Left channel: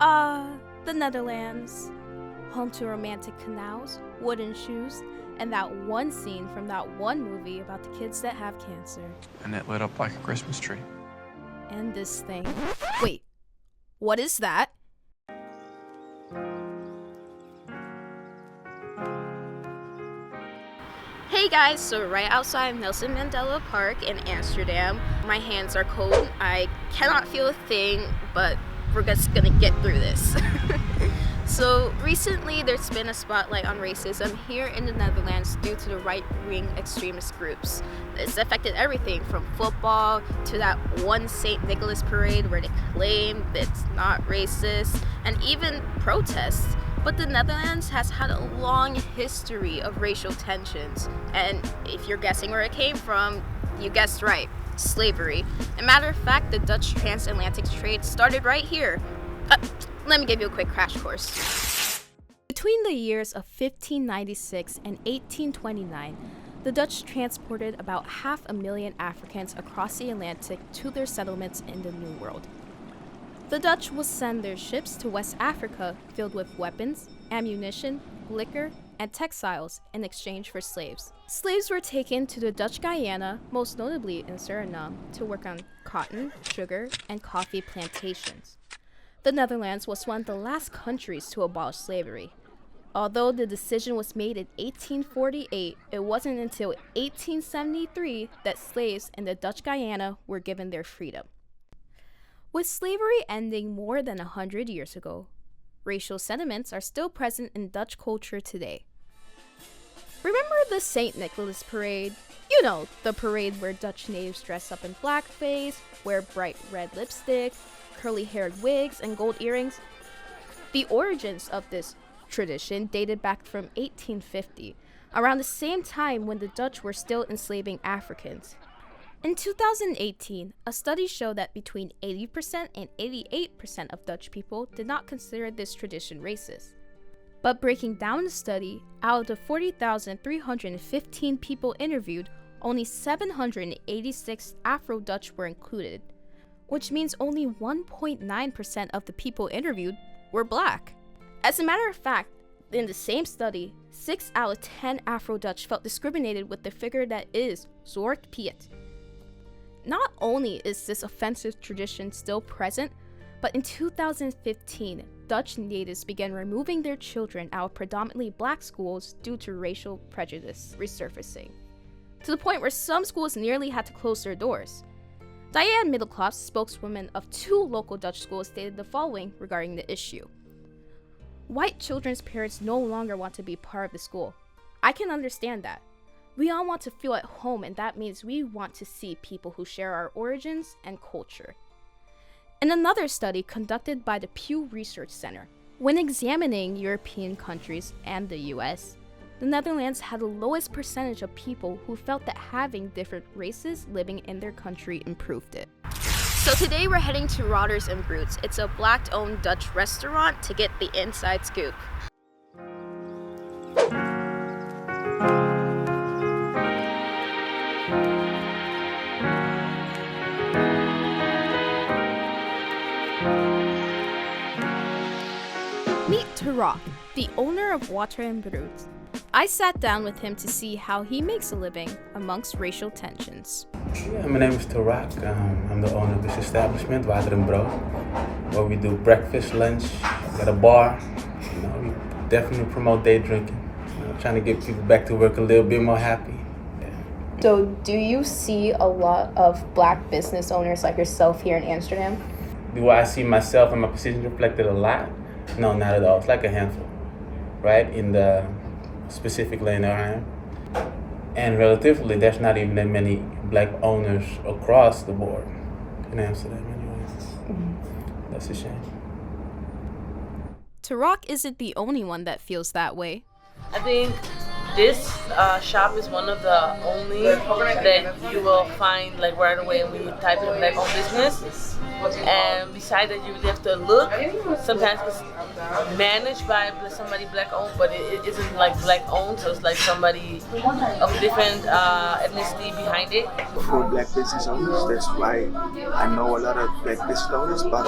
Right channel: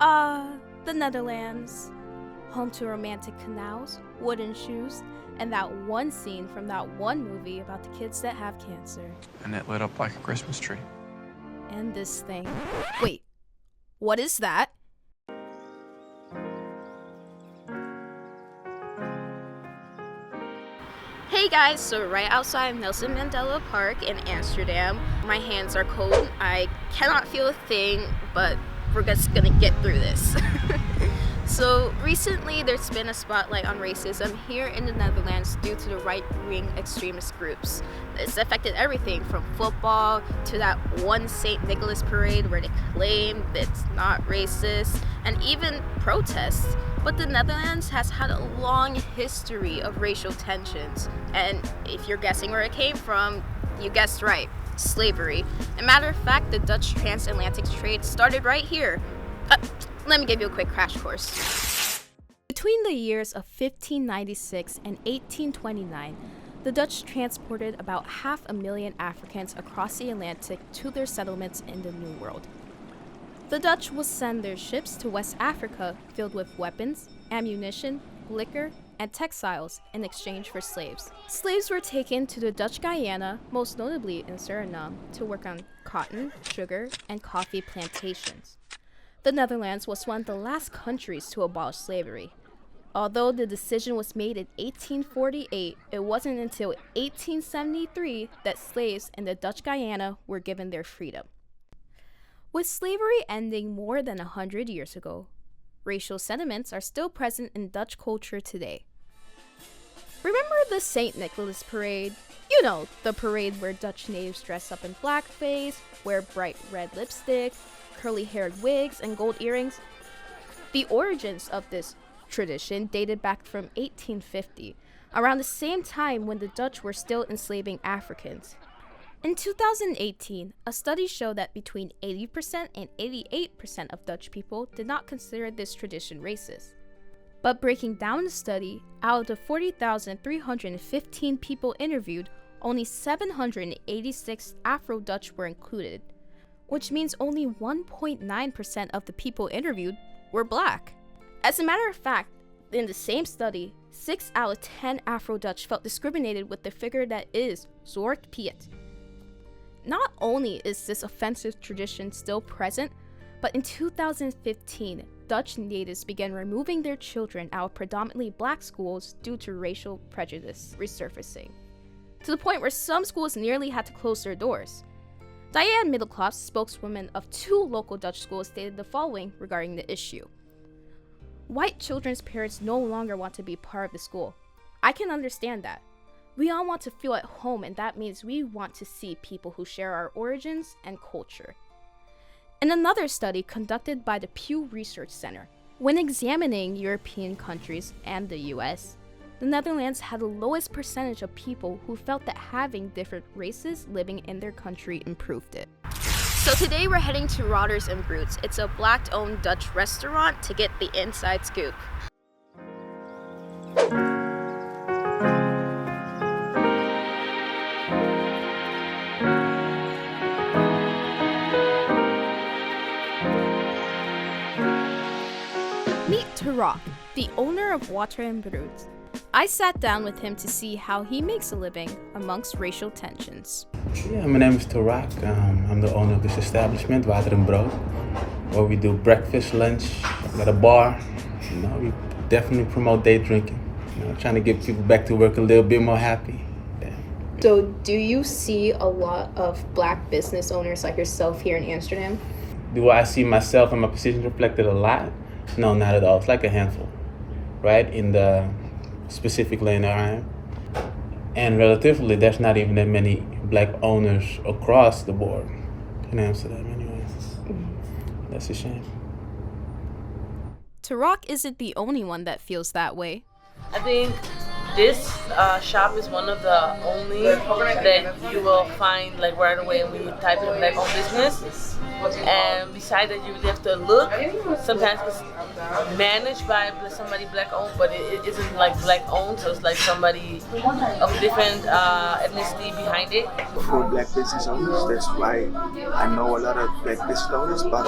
The Netherlands. Home to romantic canals, wooden shoes, and that one scene from that one movie about the kids that have cancer. And it lit up like a Christmas tree. And this thing. Wait, what is that? Hey guys, so right outside Nelson Mandela Park in Amsterdam. My hands are cold. I cannot feel a thing, but we're just gonna get through this. So recently there's been a spotlight on racism here in the Netherlands due to the right-wing extremist groups. It's affected everything from football to that one St. Nicholas parade where they claim it's not racist, and even protests. But the Netherlands has had a long history of racial tensions, and if you're guessing where it came from, you guessed right, slavery. As a matter of fact, the Dutch transatlantic trade started right here. Let me give you a quick crash course. Between the years of 1596 and 1829, the Dutch transported about 500,000 Africans across the Atlantic to their settlements in the New World. The Dutch would send their ships to West Africa filled with weapons, ammunition, liquor, and textiles in exchange for slaves. Slaves were taken to the Dutch Guyana, most notably in Suriname, to work on cotton, sugar, and coffee plantations. The Netherlands was one of the last countries to abolish slavery. Although the decision was made in 1848, it wasn't until 1873 that slaves in the Dutch Guyana were given their freedom. With slavery ending more than 100 years ago, racial sentiments are still present in Dutch culture today. Remember the St. Nicholas parade? You know, the parade where Dutch natives dress up in blackface, wear bright red lipstick, curly-haired wigs, and gold earrings. The origins of this tradition dated back from 1850, around the same time when the Dutch were still enslaving Africans. In 2018, a study showed that between 80% and 88% of Dutch people did not consider this tradition racist. But breaking down the study, out of the 40,315 people interviewed, only 786 Afro-Dutch were included, which means only 1.9% of the people interviewed were black. As a matter of fact, in the same study, 6 out of 10 Afro-Dutch felt discriminated with the figure that is Zwart Piet. Not only is this offensive tradition still present, but in 2015, Dutch natives began removing their children out of predominantly black schools due to racial prejudice resurfacing, to the point where some schools nearly had to close their doors. Diane Middelklaas, spokeswoman of 2 local Dutch schools, stated the following regarding the issue. White children's parents no longer want to be part of the school. I can understand that. We all want to feel at home, and that means we want to see people who share our origins and culture. In another study conducted by the Pew Research Center, when examining European countries and the US, the Netherlands had the lowest percentage of people who felt that having different races living in their country improved it. So today we're heading to Rotters and Brutes. It's a black-owned Dutch restaurant to get the inside scoop. Meet Tarak, the owner of Water and Brutes. I sat down with him to see how he makes a living amongst racial tensions. Yeah, my name is Tarak. I'm the owner of this establishment, Water and Brood, where we do breakfast, lunch, at a bar. We definitely promote day drinking. Trying to get people back to work a little bit more happy. Yeah. So do you see a lot of black business owners like yourself here in Amsterdam? Do I see myself and my position reflected a lot? No, not at all. It's like a handful, right? In the specific lane that I am. And relatively, there's not even that many black owners across the board in Amsterdam anyways. That's a shame. Tarak isn't the only one that feels that way. I think this shop is one of the only that you will find like right away when you type in black-owned business. And besides that, you really have to look. Sometimes it's managed by somebody black-owned, but it isn't like black-owned, so it's like somebody of different ethnicity behind it. For black business owners, that's why I know a lot of black business owners, but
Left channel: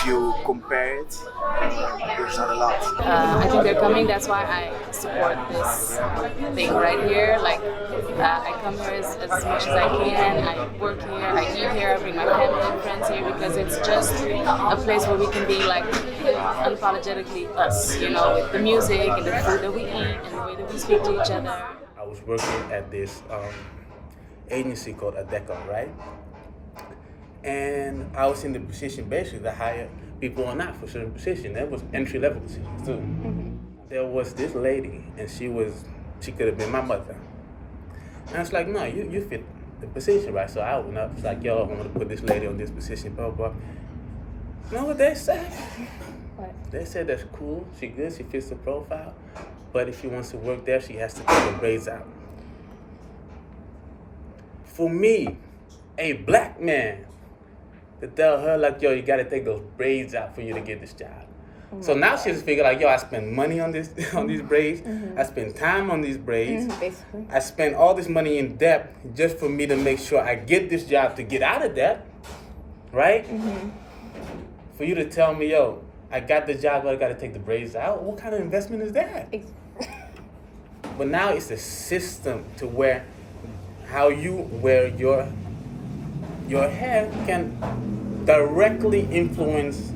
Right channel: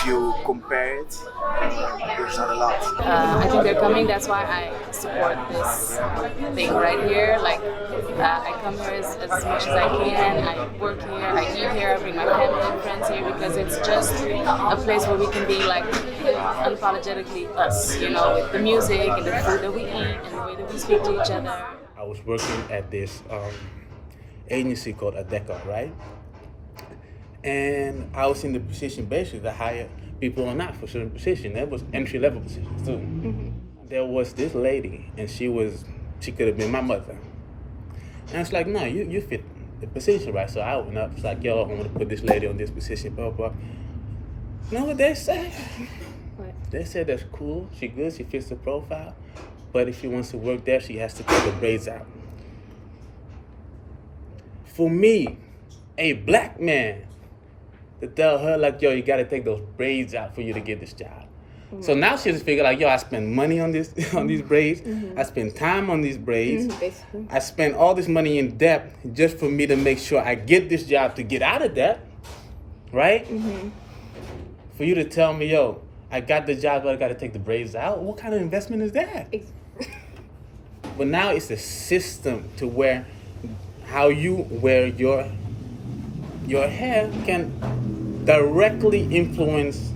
if you compare it, there's not a lot. I think they're coming. That's why I support this thing right here. Like, I come here as much as I can. I work here. I eat here. I bring my family and friends here because it's just a place where we can be like unapologetically us. You know, with the music and the food that we eat and the way that we speak to each other. I was working at this agency called Adeco, right? And I was in the position basically to hire people or not for certain positions. That was entry-level positions too. Mm-hmm. There was this lady, and she could have been my mother. And it's like, no, you fit the position, right? So I went up, it's like, yo, I'm gonna put this lady on this position, blah, blah. You know what they said? What? They said that's cool, she good, she fits the profile, but if she wants to work there, she has to take her braids out. For me, a black man, to tell her like, yo, you gotta take those braids out for you to get this job. Mm-hmm. So now she just figured like, yo, I spend money on this on these braids. Mm-hmm. I spend time on these braids. Mm-hmm, I spend all this money in debt just for me to make sure I get this job to get out of debt, right? Mm-hmm. For you to tell me, yo, I got the job, but I gotta take the braids out. What kind of investment is that? But now it's a system to where how you wear your hair can directly influence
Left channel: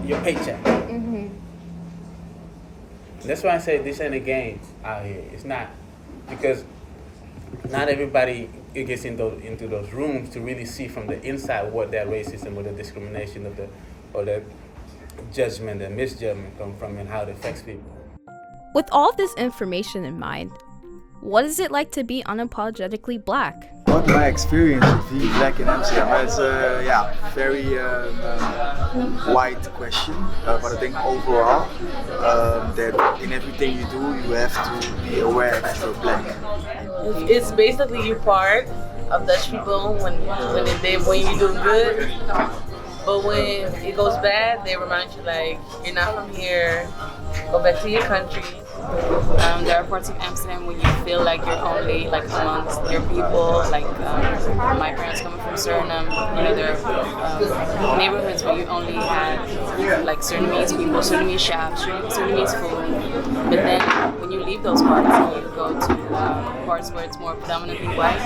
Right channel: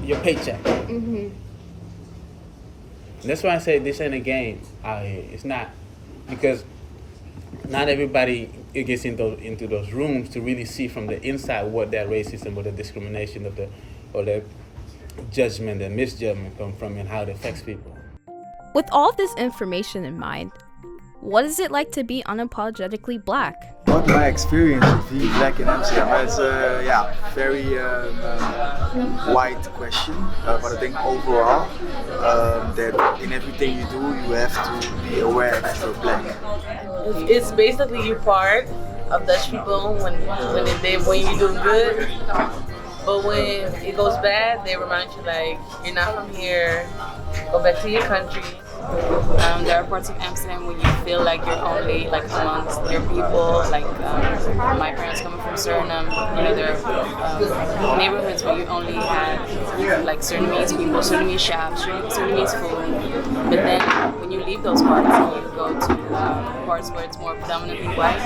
your paycheck. Mm-hmm. That's why I say this ain't a game out here. It's not, because not everybody gets into those rooms to really see from the inside what that racism or the discrimination or the judgment and misjudgment come from and how it affects people. With all this information in mind, what is it like to be unapologetically black? What my experience of being black in Amsterdam is very wide question, but I think overall that in everything you do you have to be aware that you're black. It's basically you part of Dutch people when you're doing good, but when it goes bad, they remind you like you're not from here. Go back to your country. There are parts of Amsterdam where you feel like you're only like amongst your people. Like my parents coming from Suriname, you know, there are neighborhoods where you only have like Surinamese people, Surinamese shops, Surinamese food. But then when you leave those parts and you go to parts where it's more predominantly white,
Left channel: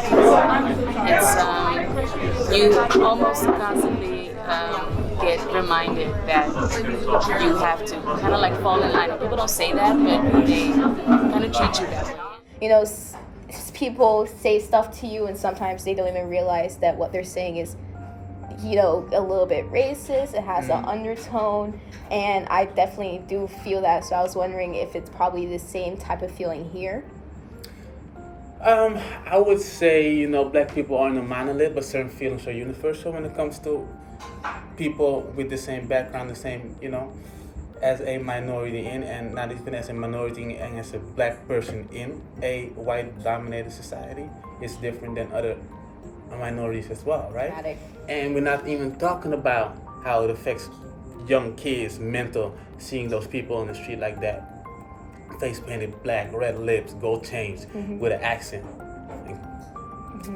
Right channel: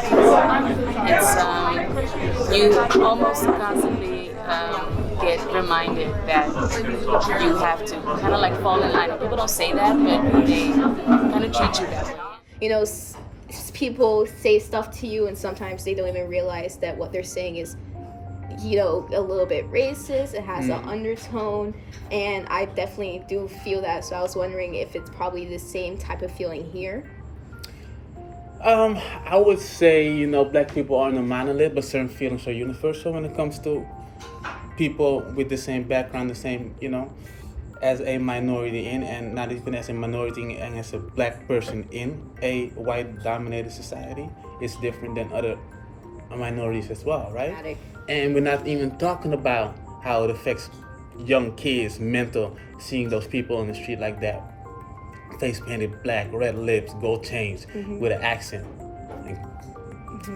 it's you almost constantly get reminded that you have to kind of like fall in line. People don't say that, but they kind of treat you that way. You know, people say stuff to you and sometimes they don't even realize that what they're saying is, you know, a little bit racist. It has an undertone, and I definitely do feel that. So I was wondering if it's probably the same type of feeling here. I would say, you know, black people aren't a monolith, but certain feelings are universal when it comes to people with the same background, the same, you know, as a minority in, and not even as a minority and as a black person in a white-dominated society, it's different than other minorities as well, right? And we're not even talking about how it affects young kids' mental, seeing those people on the street like that, face painted black, red lips, gold chains, with an accent.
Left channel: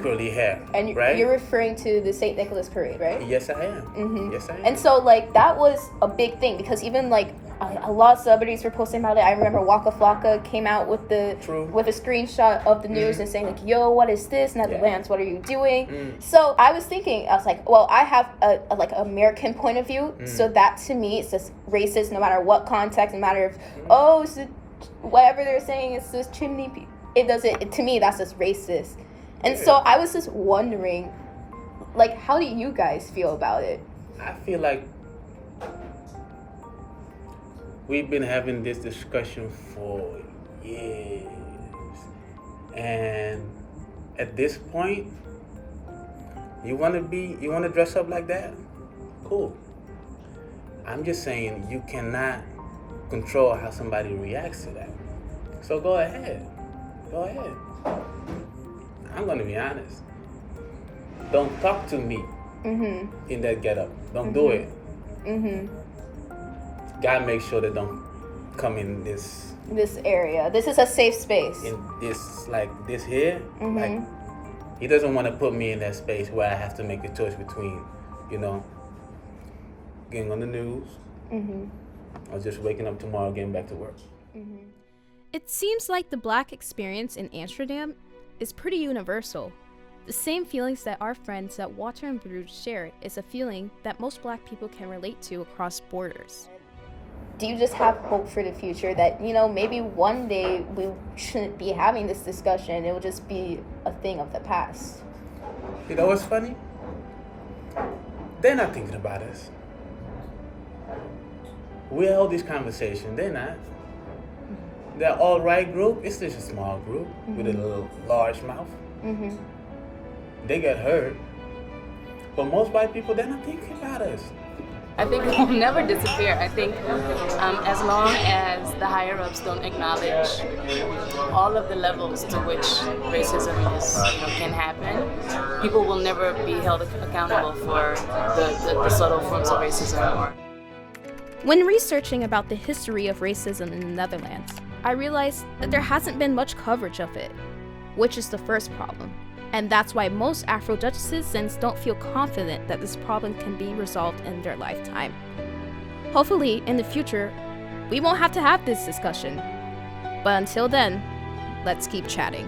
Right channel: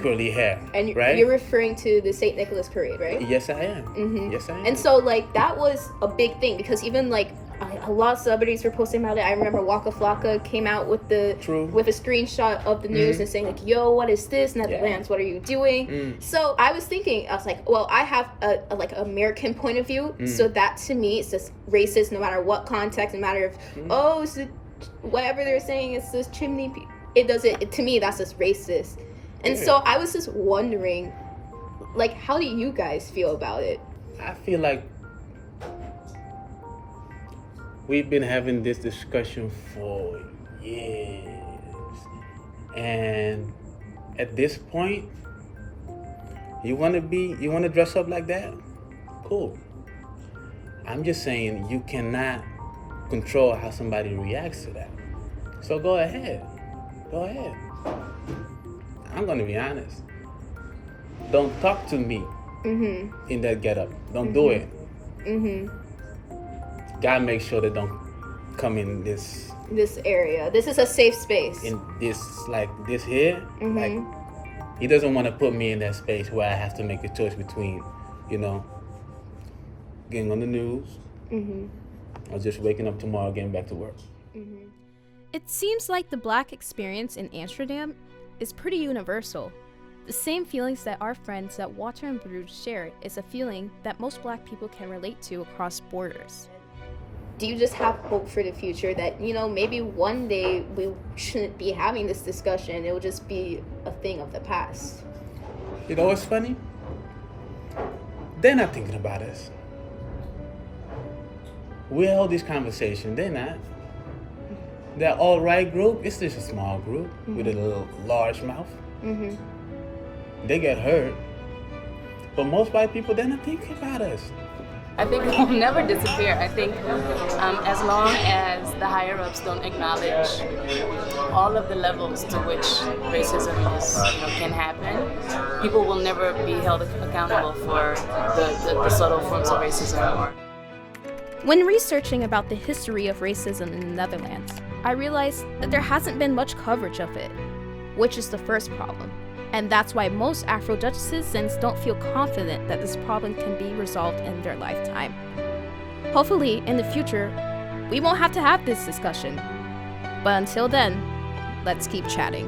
Curly hair, and right? You're referring to the St. Nicholas parade, right? Yes, I am. Yes, I am. And so, like, that was a big thing because even like a lot of celebrities were posting about it. I remember Waka Flocka came out with a screenshot of the news and saying like, "Yo, what is this? Netherlands, what are you doing?" So I was thinking, I was like, well, I have a like American point of view, so that to me it's just racist no matter what context, no matter if it's whatever they're saying, it's this chimney. To me that's just racist. And so I was just wondering, like, how do you guys feel about it? I feel like we've been having this discussion for years. And at this point, you want to dress up like that? Cool. I'm just saying you cannot control how somebody reacts to that. So go ahead. I'm gonna be honest. Don't talk to me in that getup. Don't do it. Gotta make sure they don't come in this area. This is a safe space. In this here. Like, he doesn't want to put me in that space where I have to make a choice between, you know, getting on the news, or just waking up tomorrow, getting back to work. It seems like the Black experience in Amsterdam is pretty universal. The same feelings that our friends at Water and Bruges shared is a feeling that most Black people can relate to across borders. Do you just have hope for the future that, maybe one day we shouldn't be having this discussion, it will just be a thing of the past? You know what's funny? They're not thinking about us. We hold this conversation, they're not. That alt-right group, it's just a small group with a little large mouth. They get hurt. But most white people, they're not thinking about us. I think it will never disappear. I think as long as the higher-ups don't acknowledge all of the levels to which racism can happen, people will never be held accountable for the subtle forms of racism. When researching about the history of racism in the Netherlands, I realized that there hasn't been much coverage of it, which is the first problem. And that's why most Afro-Dutch citizens don't feel confident that this problem can be resolved in their lifetime. Hopefully, in the future, we won't have to have this discussion. But until then, let's keep chatting.